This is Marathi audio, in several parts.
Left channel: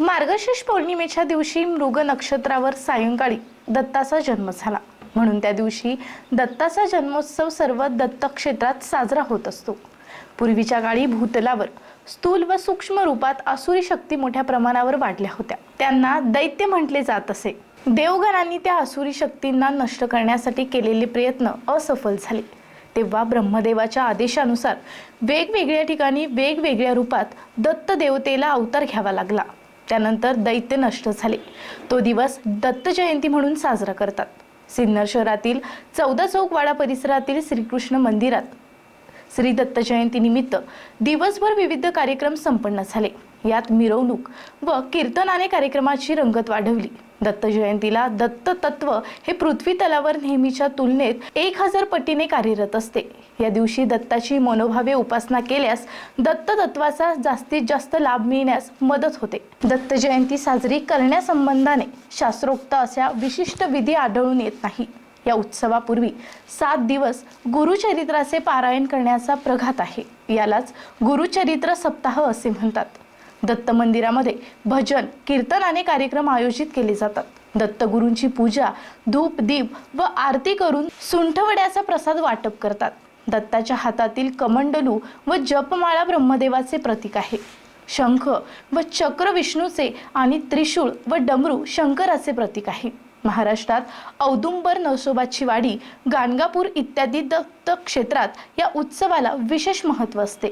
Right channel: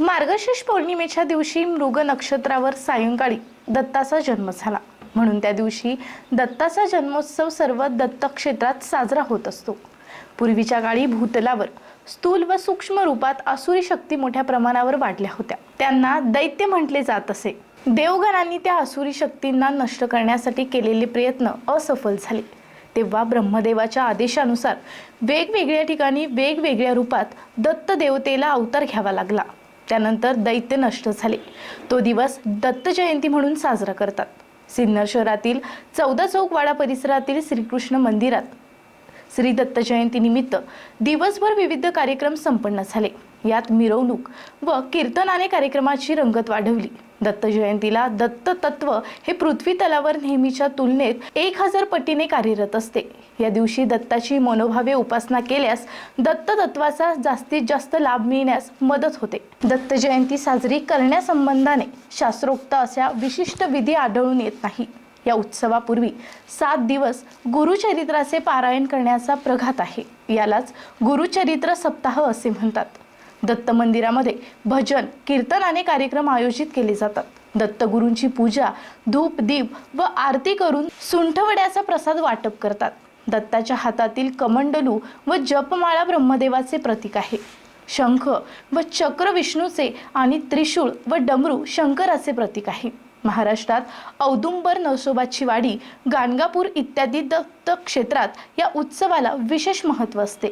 मार्गशीर्ष पौर्णिमेच्या दिवशी मृग नक्षत्रावर सायंकाळी दत्ताचा जन्म झाला. म्हणून त्या दिवशी दत्ताचा जन्मोत्सव सर्व दत्तक्षेत्रात साजरा होत असतो. पूर्वीच्या काळी भूतलावर स्थूल व सूक्ष्म रूपात असुरी शक्ती मोठ्या प्रमाणावर वाढल्या होत्या. त्यांना दैत्य म्हटले जात असे. देवगणांनी त्या असुरी शक्तींना नष्ट करण्यासाठी केलेले प्रयत्न असफल झाले. तेव्हा ब्रह्मदेवाच्या आदेशानुसार वेगवेगळ्या ठिकाणी वेगवेगळ्या रूपात दत्त देवतेला अवतार घ्यावा लागला. त्यानंतर दैत्य नष्ट झाले. तो दिवस दत्त जयंती म्हणून साजरा करतात. सिन्नर शहरातील चौदा चौकवाडा परिसरातील श्रीकृष्ण मंदिरात श्री दत्त जयंतीनिमित्त दिवसभर विविध कार्यक्रम संपन्न झाले. यात मिरवणूक व कीर्तनाने कार्यक्रमाची रंगत वाढवली. दत्त जयंतीला दत्त तत्व हे पृथ्वी तलावर नेहमीच्या तुलनेत एक हजार पटीने कार्यरत असते. या दिवशी दत्ताची मनोभावे उपासना केल्यास दत्त तत्वाचा जास्तीत जास्त लाभ मिळण्यास मदत होते. दत्त जयंती साजरी करण्यासंबंधाने शास्त्रोक्त अशा विशिष्ट विधी आढळून येत नाही. या उत्सवापूर्वी सात दिवस गुरुचरित्राचे पारायण करण्याचा प्रघात आहे. यालाच गुरुचरित्र सप्ताह असे म्हणतात. दत्त मंदिरामध्ये भजन कीर्तन आणि कार्यक्रम आयोजित केले जातात. दत्तगुरूंची पूजा धूप दीप व आरती करून सुंठवड्याचा प्रसाद वाटप करतात. दत्ताच्या हातातील कमंडलू व जपमाळा ब्रह्मदेवाचे प्रतीक आहे. शंख व चक्र विष्णूचे आणि त्रिशूळ व डमरू शंकराचे प्रतीक आहे. महाराष्ट्रात औदुंबर नसोबाची वाडी गाणगापूर इत्यादी दत्त क्षेत्रात या उत्सवाला विशेष महत्त्व असते.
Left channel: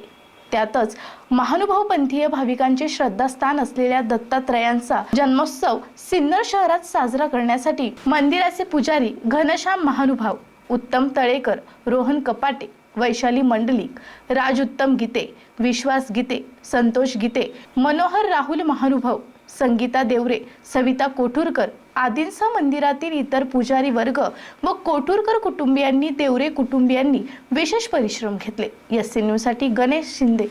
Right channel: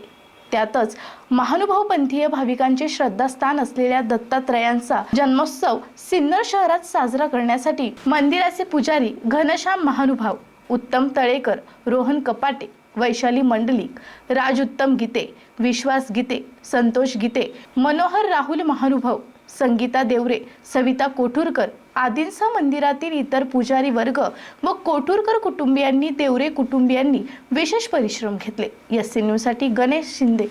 त्यातच महानुभाव पंथीय भाविकांचे श्रद्धास्थान असलेल्या दत्तात्रयांचा जन्मोत्सव सिन्नर शहरात साजरा करण्यासाठी मंदिराचे पुजारी घनश्याम महानुभाव उत्तम तळेकर रोहन कपाटे वैशाली मंडलिक राज उत्तम गीते विश्वास गीते संतोष गीते मनोहर राहुल महानुभाव संगीता देवरे सविता कोठूरकर आदींसह मंदिरातील इतर पुजारी वर्ग व कोठूरकर कुटुंबियांनी देवरे कुटुंबियांनी विशेष परिश्रम घेतले. एस न्यूजसाठी गणेश शिंदे.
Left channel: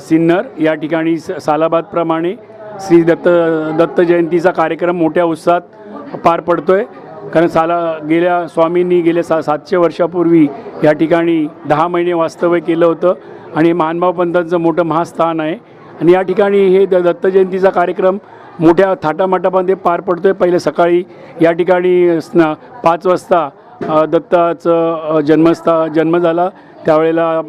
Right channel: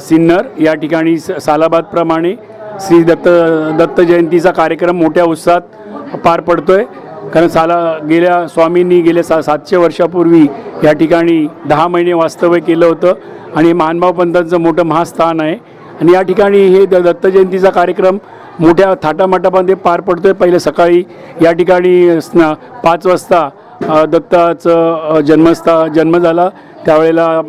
सिन्नर या ठिकाणी स- सालाबादप्रमाणे श्री दत्त दत्त जयंतीचा कार्यक्रम मोठ्या उत्साहात पार पडतो आहे कारण साला गेल्या स्वामींनी गेल्या सा सातशे वर्षापूर्वी या ठिकाणी दहा महिने वास्तव्य केलं होतं. आणि महानुभाव पंथांचं मोठं महास्थान आहे. आणि या ठिकाणी हे द दत्त जयंतीचा कार्यक्रम मोठ्या थाटामाटामध्ये पार पडतो आहे पहिले सकाळी या ठिकाणी स्ना पाच वाजता दत्ताचं जन्मस्था जन्म झाला. त्यावेळेला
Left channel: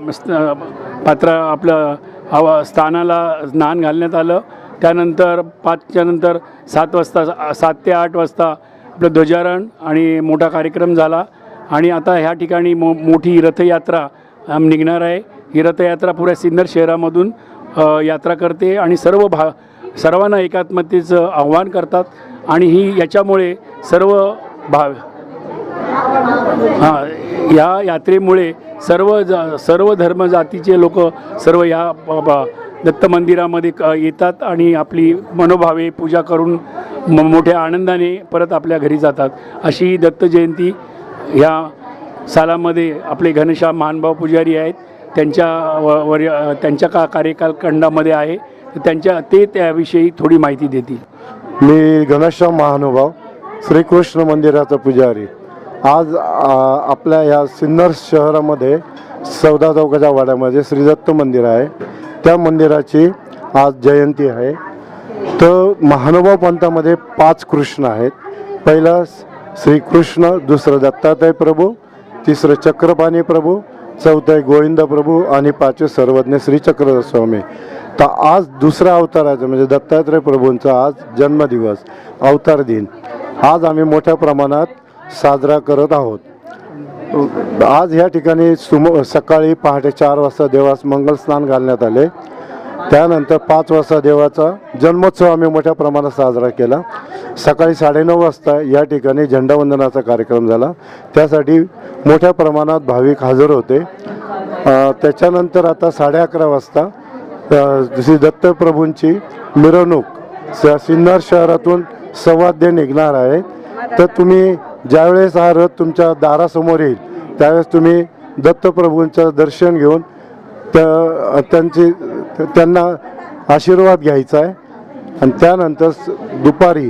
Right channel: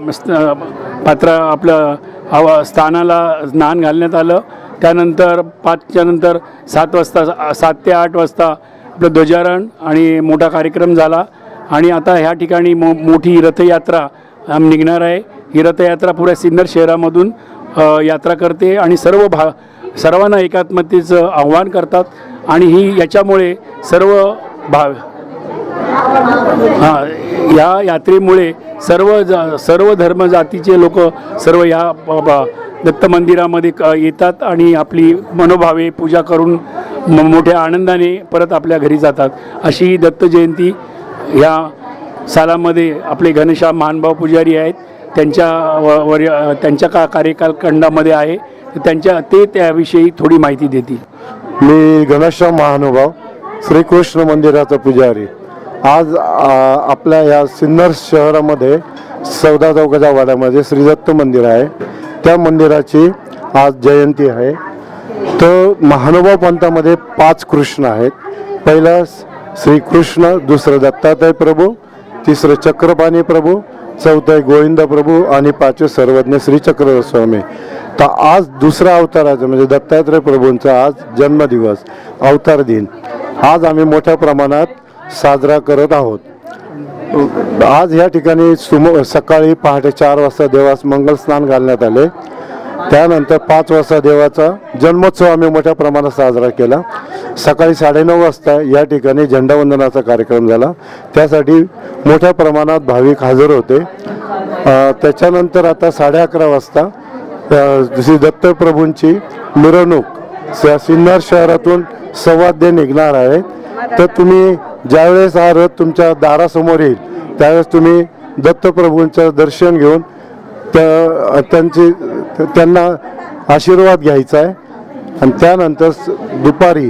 पात्र आपलं हवा स्थानाला स्नान घालण्यात आलं. त्यानंतर पाचच्या नंतर सात वाजता सात ते आठ वाजता आपलं ध्वजारण आणि मोठा कार्यक्रम झाला. आणि आता ह्या ठिकाणी मो मोठी रथयात्रा निघणार आहे. ही रथयात्रा पुऱ्या सिन्नर शहरामधून यात्रा करते आणि सर्व भा सर्वांना एकात्मतेचं आव्हान करतात आणि ही याच्यामुळे सर्व भा हां या यात्रेमुळे सर्व ज सर्व धर्म जातीचे लोक सर्व या दत्त मंदिरामध्ये क येतात आणि आपली मनोभावे पूजा करून म मोठ्या आनंदाने परत आपल्या घरी जातात. अशी दत्त जयंती ह्या सालामध्ये आपले घनश्याम महानुभाव पुजारी आहेत. त्यांच्या व वर त्यांच्या का कार्यकाल खंडामध्ये आहे तर त्यांच्या ते त्याविषयी थोडी माहिती देतील. मी घनश्याम महानुभाव श्रीकृष्ण मंदिराचा पुजारी. आज आपल्या या सिन्नर शहरामध्ये चौदा चौकाच्या वाड्यामध्ये श्रीदत्त मंदिर आहे. त्या मंदिराची आज जयंती आहे. तर महानुभाव पंथामध्ये पाच कृष्ण आहेत. पहिला श्रीकृष्ण दुसरं दत्तात्रय प्रभू तिसरं चक्रपाणी प्रभू चौथं आहे गोविंद प्रभू आणि पाचवे सर्वज्ञ श्री स्वामी. तर आज दुसरा अवताराचा म्हणजे दत्तात्रय प्रभूंचा आज जन्मदिवस अवतार दिन. आज आम्ही मोठ्या प्रमाणात साजरा करत आहोत. आज या ठिकाणी सुम सकाळी पहाटे चार वाजता देवास मंगल स्नान घालण्यात आले. त्यानंतर पाच वाजता देवाचा जन्मोत्सव आम्ही मोठ्या प्रमाणात साजरा केला. सकाळी साडेनऊ वाजता या ठिकाणी झेंडावंदनाचा कार्यक्रम झाला. त्यासाठी मोठ्या प्रमाणात भाविक हजर होते. त्याच्यानंतर आता साडे अकरा वाजता श्री दत्तप्रभूंची मिरवणूक स सिन्नर शहरातून संवाद्य निघणार आहे. तर तुम्ही ज्यावेळेस हा रथ तुमच्या दारासमोर येईल त्यावेळेस तुम्ही दत्तप्रभूंचं दर्शन घेऊन त्या त्यांची त्यांना आशीर्वाद घ्यायचा आहे. आणि त्यानंतर दुपारी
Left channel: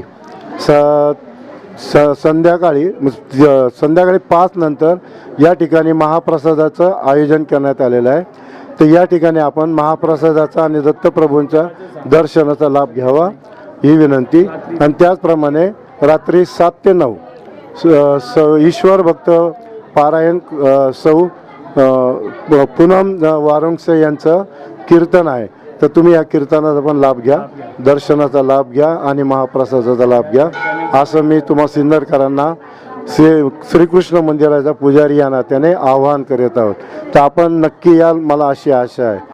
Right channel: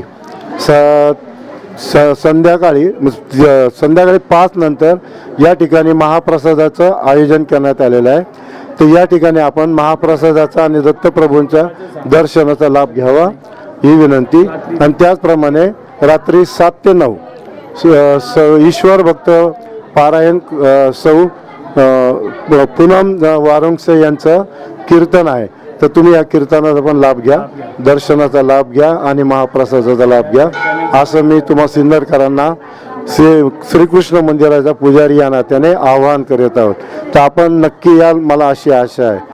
स स संध्याकाळी संध्याकाळी पाच नंतर या ठिकाणी महाप्रसादाचं आयोजन करण्यात आलेलं आहे. तर या ठिकाणी आपण महाप्रसादाचा आणि दत्तप्रभूंच्या दर्शनाचा लाभ घ्यावा ही विनंती. आणि त्याचप्रमाणे रात्री सात ते नऊ स- स ईश्वर भक्त पारायण सौ पूनम वारुंगसे यांचं कीर्तन आहे. तर तुम्ही या कीर्तनाचा पण लाभ घ्या दर्शनाचा लाभ घ्या आणि महाप्रसादाचा लाभ घ्या. असं मी तुम्हा सिन्नरकरांना श्री श्रीकृष्ण मंदिराचा पुजारी या नात्याने आवाहन करीत आहोत. तर आपण नक्की याल मला अशी आशा आहे.